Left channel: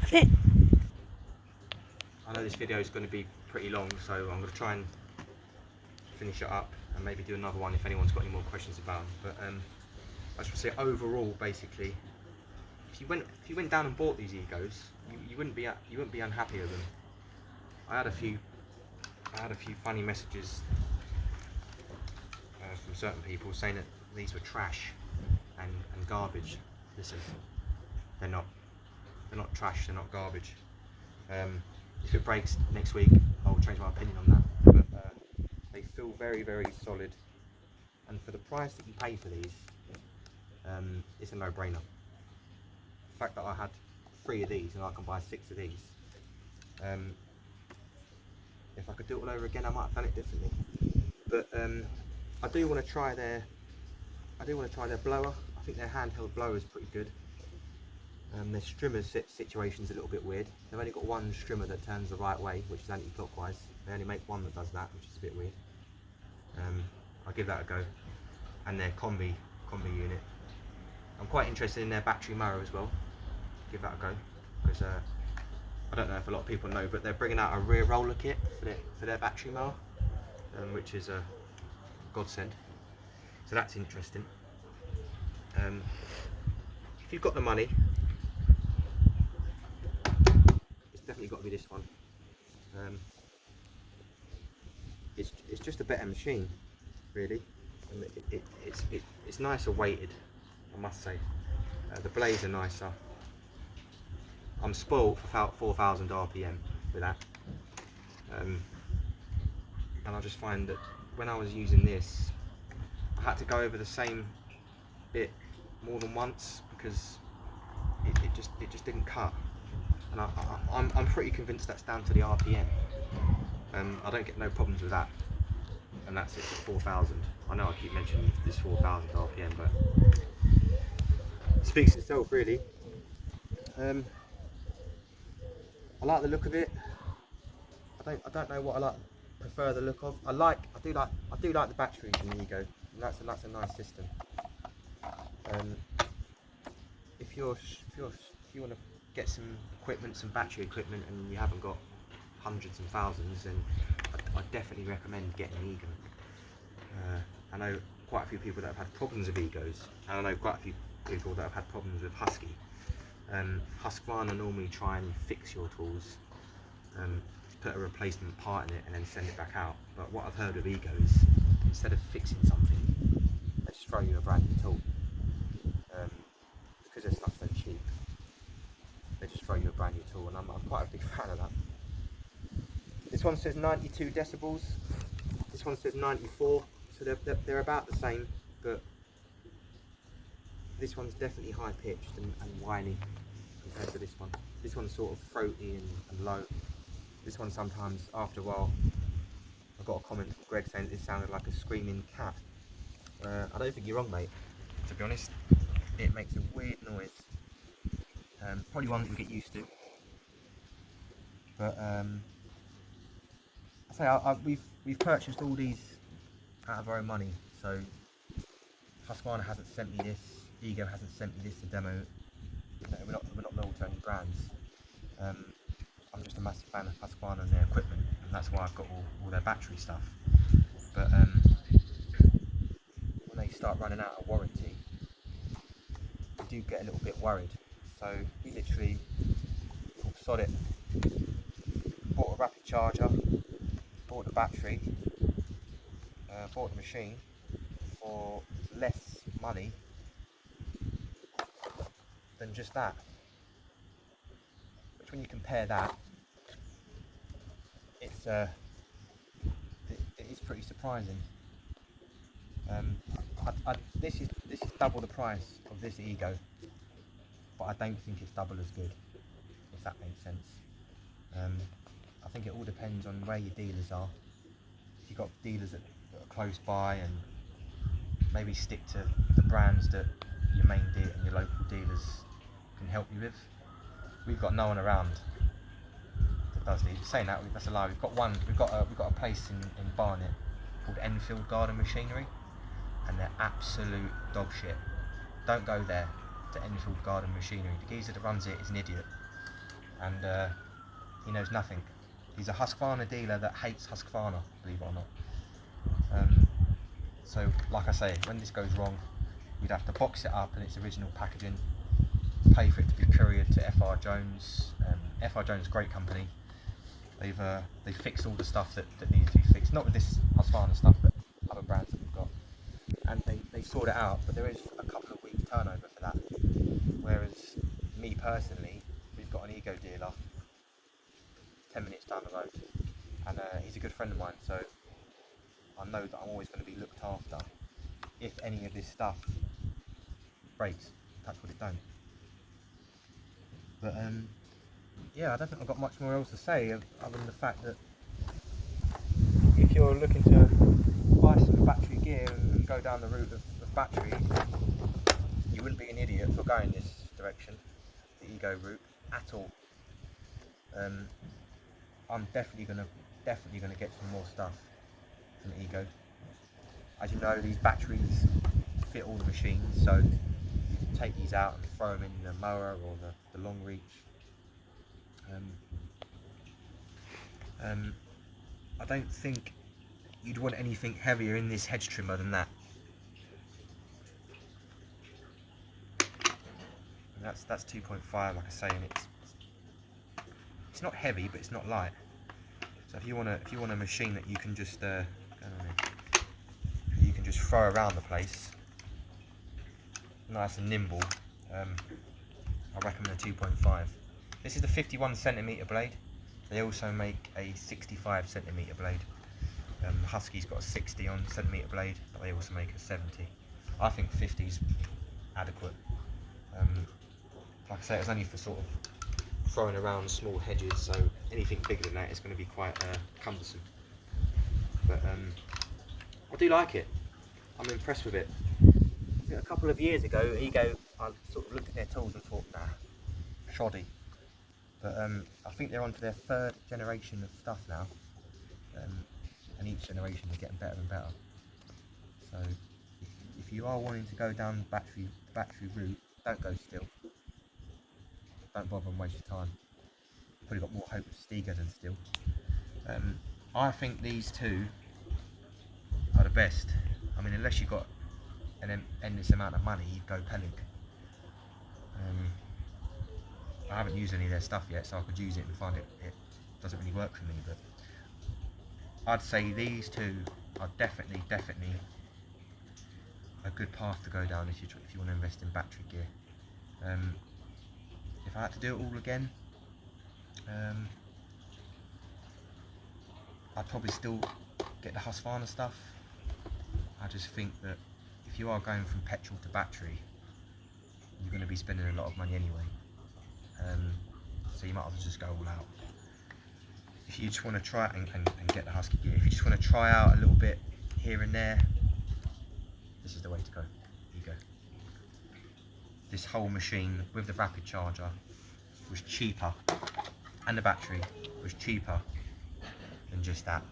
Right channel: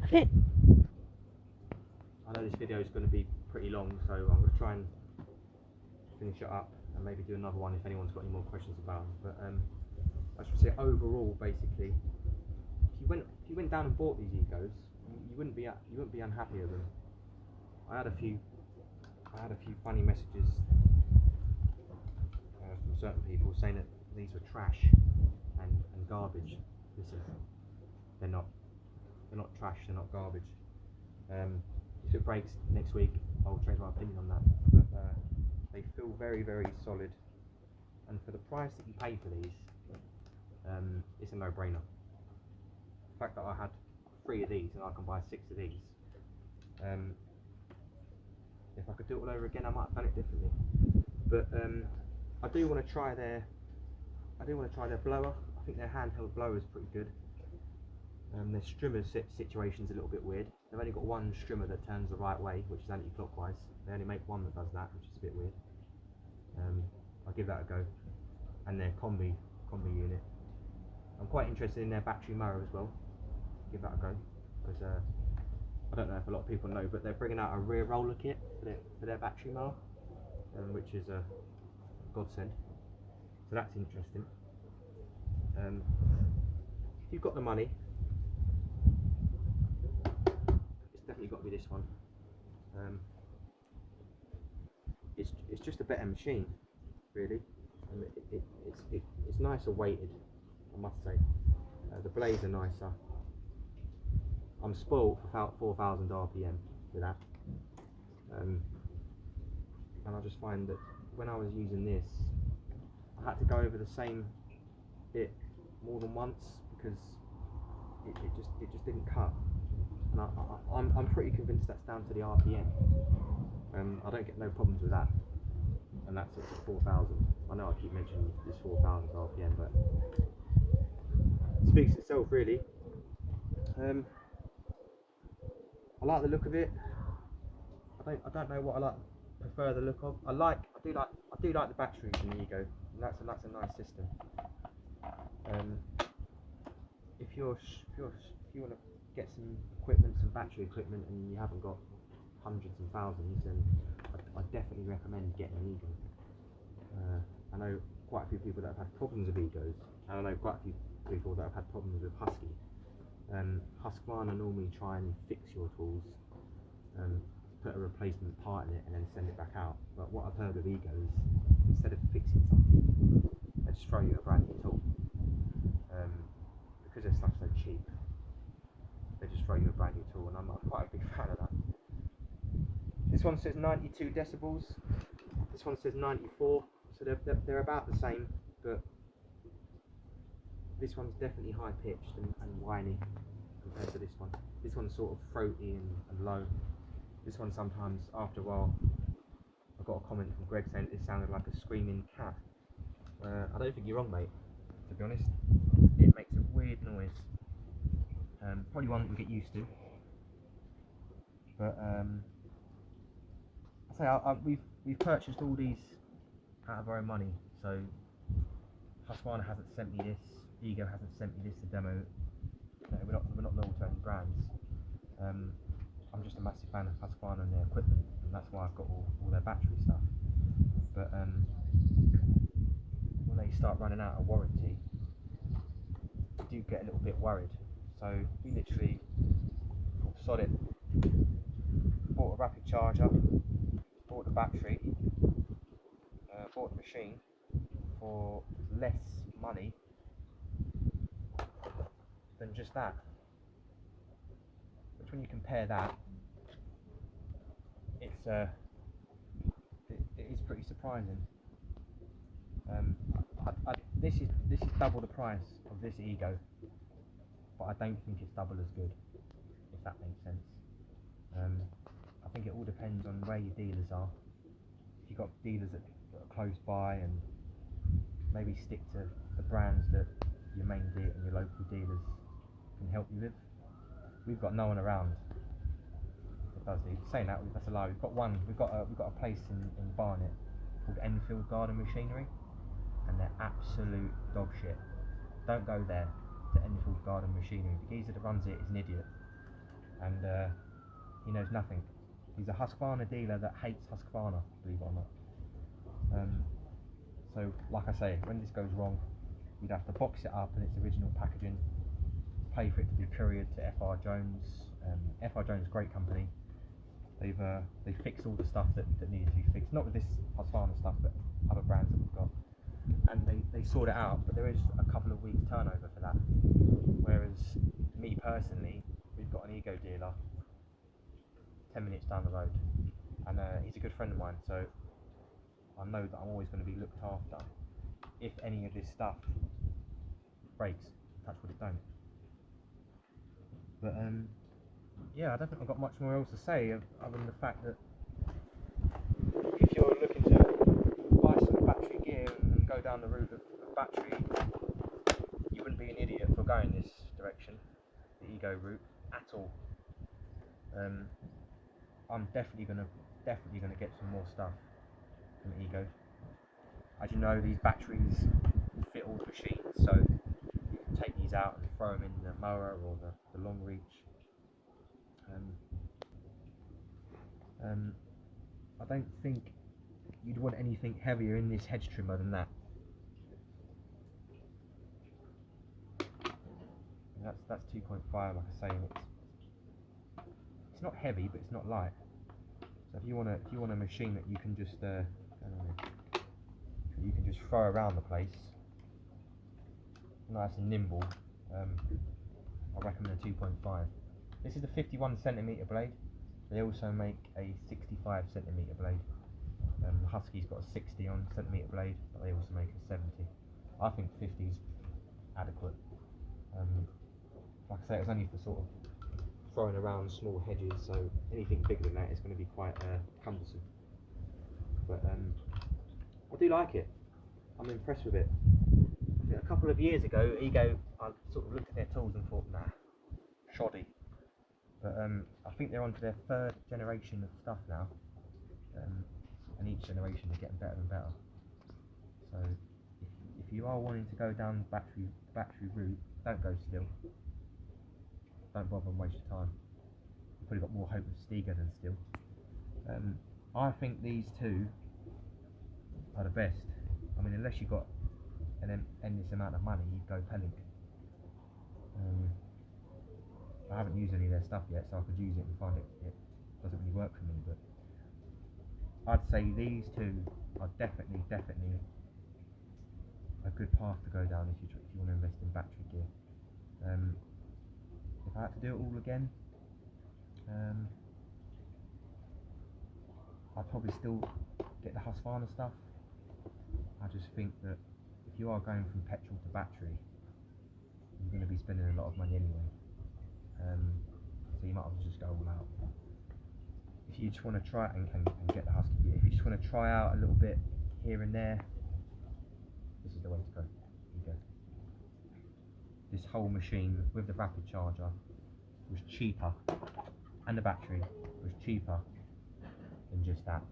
That's it. I know this video is going to be pretty long, so I'm going to try and finish it up and maybe do another one if anyone's got any more questions about them. But I should say overall, basically, if you went down and bought these Egos, you wouldn't be unhappy with them. I had a few funny messages from certain people saying that these were trash and garbage. Listen, they're not trash, they're not garbage. If it breaks next week, I'll change my opinion on that. But they feel very, very solid, and for the price that you pay for these, it's a no-brainer. The fact that I had 3 of these and I can buy 6 of these, if I could do it all over again, I might have done it differently. But I do want to try their blower. I think their handheld blower is pretty good. Their strimmer situation's a little bit weird. They've only got one strimmer that turns the right way, which is anti-clockwise. They only make one that does that, which is a bit weird. I'll give that a go. And their combi unit. I'm quite interested in their battery mower as well. Give that a go, because I don't know if a lot of people know, but they're bringing out a rear roller kit for their battery mower, which is a godsend. So that's interesting. If you've got the money, it's definitely got to be this one. It's just a better machine, really. And it's nicer weighted, I must say. The blades are nicer. I'm spoiled for about 4,000 RPM with that. And I just find that when I was using this, I had to go over the same bit more than once because it just didn't cut. And I'm pretty convinced that's down to the RPM. I don't get no problems with that. And that's it at 4,000. I know I keep mentioning this 4,000 RPM, but it speaks itself, really. I like the look of it. I don't know what I prefer the look of. I do like the batteries in the Ego. And that's a nice system. If you want to get some equipment, some battery equipment, and you haven't got hundreds and thousands, then I definitely recommend getting an Ego. I know quite a few people that have had problems with Egos, and I know quite a few people that have had problems with Husky. Husqvarna normally try and fix your tools, put a replacement part in it and then send it back out. But what I've heard of Ego is, instead of fixing something, they just throw you a brand new tool. Because their stuff's so cheap, they just throw you a brand new tool, and I'm quite a big fan of that. This one says 92 decibels, this one says 94, so they're about the same, but this one's definitely high pitched and whiny compared to this one. This one's sort of throaty and low. This one sometimes, after a while, I got a comment from Greg saying it sounded like a screaming cat. I don't think you're wrong, mate, to be honest. It makes a weird noise. Probably one that you get used to. But I say we've purchased all these out of our own money. So Husqvarna hasn't sent me this. Ego hasn't sent me this to demo. You know, we're not loyal to any brands. I'm just a massive fan of Husqvarna and their equipment, and that's why I've got all their battery stuff. But when they start running out of warranty, I do get a little bit worried. So we literally thought, sod it, bought a rapid charger, bought the battery, bought the machine for less money than just that. Which, when you compare that, it is pretty surprising. This is double the price of this Ego, but I don't think it's double as good, if that makes sense. I think it all depends on where your dealers are. If you've got dealers that are close by, and maybe stick to the brands that your main dealer and your local dealers can help you with. We've got no one around that does these. Saying that, that's a lie. We've got a place in Barnet called Enfield Garden Machinery, and they're absolute dog shit. Don't go there, to Enfield Garden Machinery. The geezer that runs it is an idiot. and he knows nothing. He's a Husqvarna dealer that hates Husqvarna, believe it or not. So like I say, when this goes wrong, you'd have to box it up in its original packaging, pay for it to be couriered to FR Jones. FR Jones, great company. They fixed all the stuff that needed to be fixed, not with this Husqvarna stuff, but other brands that we've got. And they sort it out, but there is a couple of weeks turnover for that. Whereas me personally, we've got an Ego dealer 10 minutes down the road, and he's a good friend of mine, so I know that I'm always going to be looked after. If any of this stuff breaks, touch wood it don't. But yeah, I don't think I've got much more else to say other than the fact that if you're looking to buy some battery gear and go down the route of battery, you wouldn't be an idiot for going this direction, the Ego route, at all. I'm definitely gonna get some more stuff from Ego. As you know, these batteries fit all the machines, so take these out and throw them in the mower or the long reach. I don't think you'd want anything heavier in this hedge trimmer than that. And that's 2.5, like I say, and it's not heavy, but it's not light. So if you want a machine that you can just throw around the place, nice and nimble, I recommend a 2.5. This is the 51cm blade. They also make a 65cm blade. Husky's got a 60cm blade, but they also make a 70. I think 50's adequate. Like I say, it was only for sort of throwing around small hedges, so anything bigger than that is going to be quite cumbersome. But I do like it. I'm impressed with it. I think a couple of years ago, Ego, I sort of looked at their tools and thought, nah, shoddy. But I think they're on to their 3rd generation of stuff now, and each generation is getting better and better. So if you are wanting to go down the battery route, don't go Stihl. Don't bother and waste your time. You've probably got more hope with Stiga than Stihl. I think these two are the best. I mean, unless you've got an endless amount of money, you'd go Pelink. I haven't used any of their stuff yet, so I could use it and find it doesn't really work for me, but I'd say these two are definitely a good path to go down if you want to invest in battery gear. If I had to do it all again, I'd probably still get the Husqvarna stuff. I just think that if you are going from petrol to battery, you're going to be spending a lot of money anyway. So you might as well just go all out. If you just want to try and get the Husky gear, if you just want to try out a little bit here and there, this is the way to go. Ego. This whole machine with the rapid charger was cheaper, and the battery was cheaper than just that.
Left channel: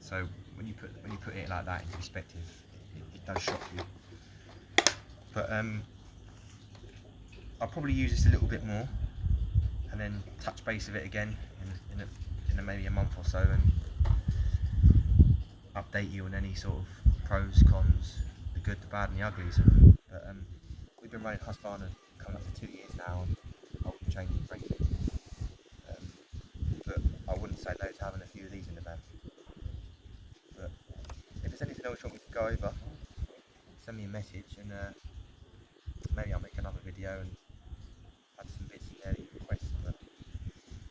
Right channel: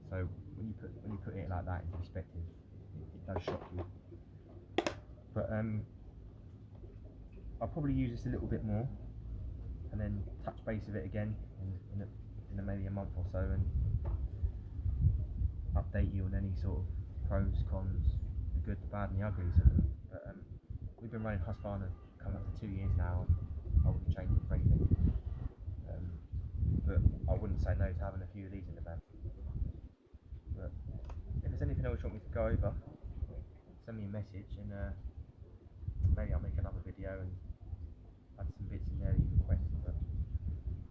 So when you put it like that into perspective, it does shock you. But I'll probably use this a little bit more, and then touch base with it again in maybe a month or so, and update you on any sort of pros, cons, the good, the bad and the uglies of them. But we've been running Husqvarna coming up for 2 years now, and I wouldn't change it for anything. But I wouldn't say no to having a few of these in the van. But if there's anything else you want me to go over, send me a message, and maybe I'll make another video and add some bits in there that you request. But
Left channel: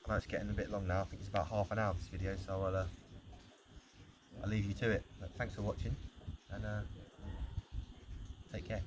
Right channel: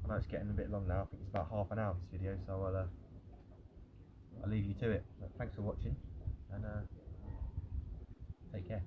I know it's getting a bit long now. I think it's about half an hour this video, so I'll leave you to it. But thanks for watching, and take care.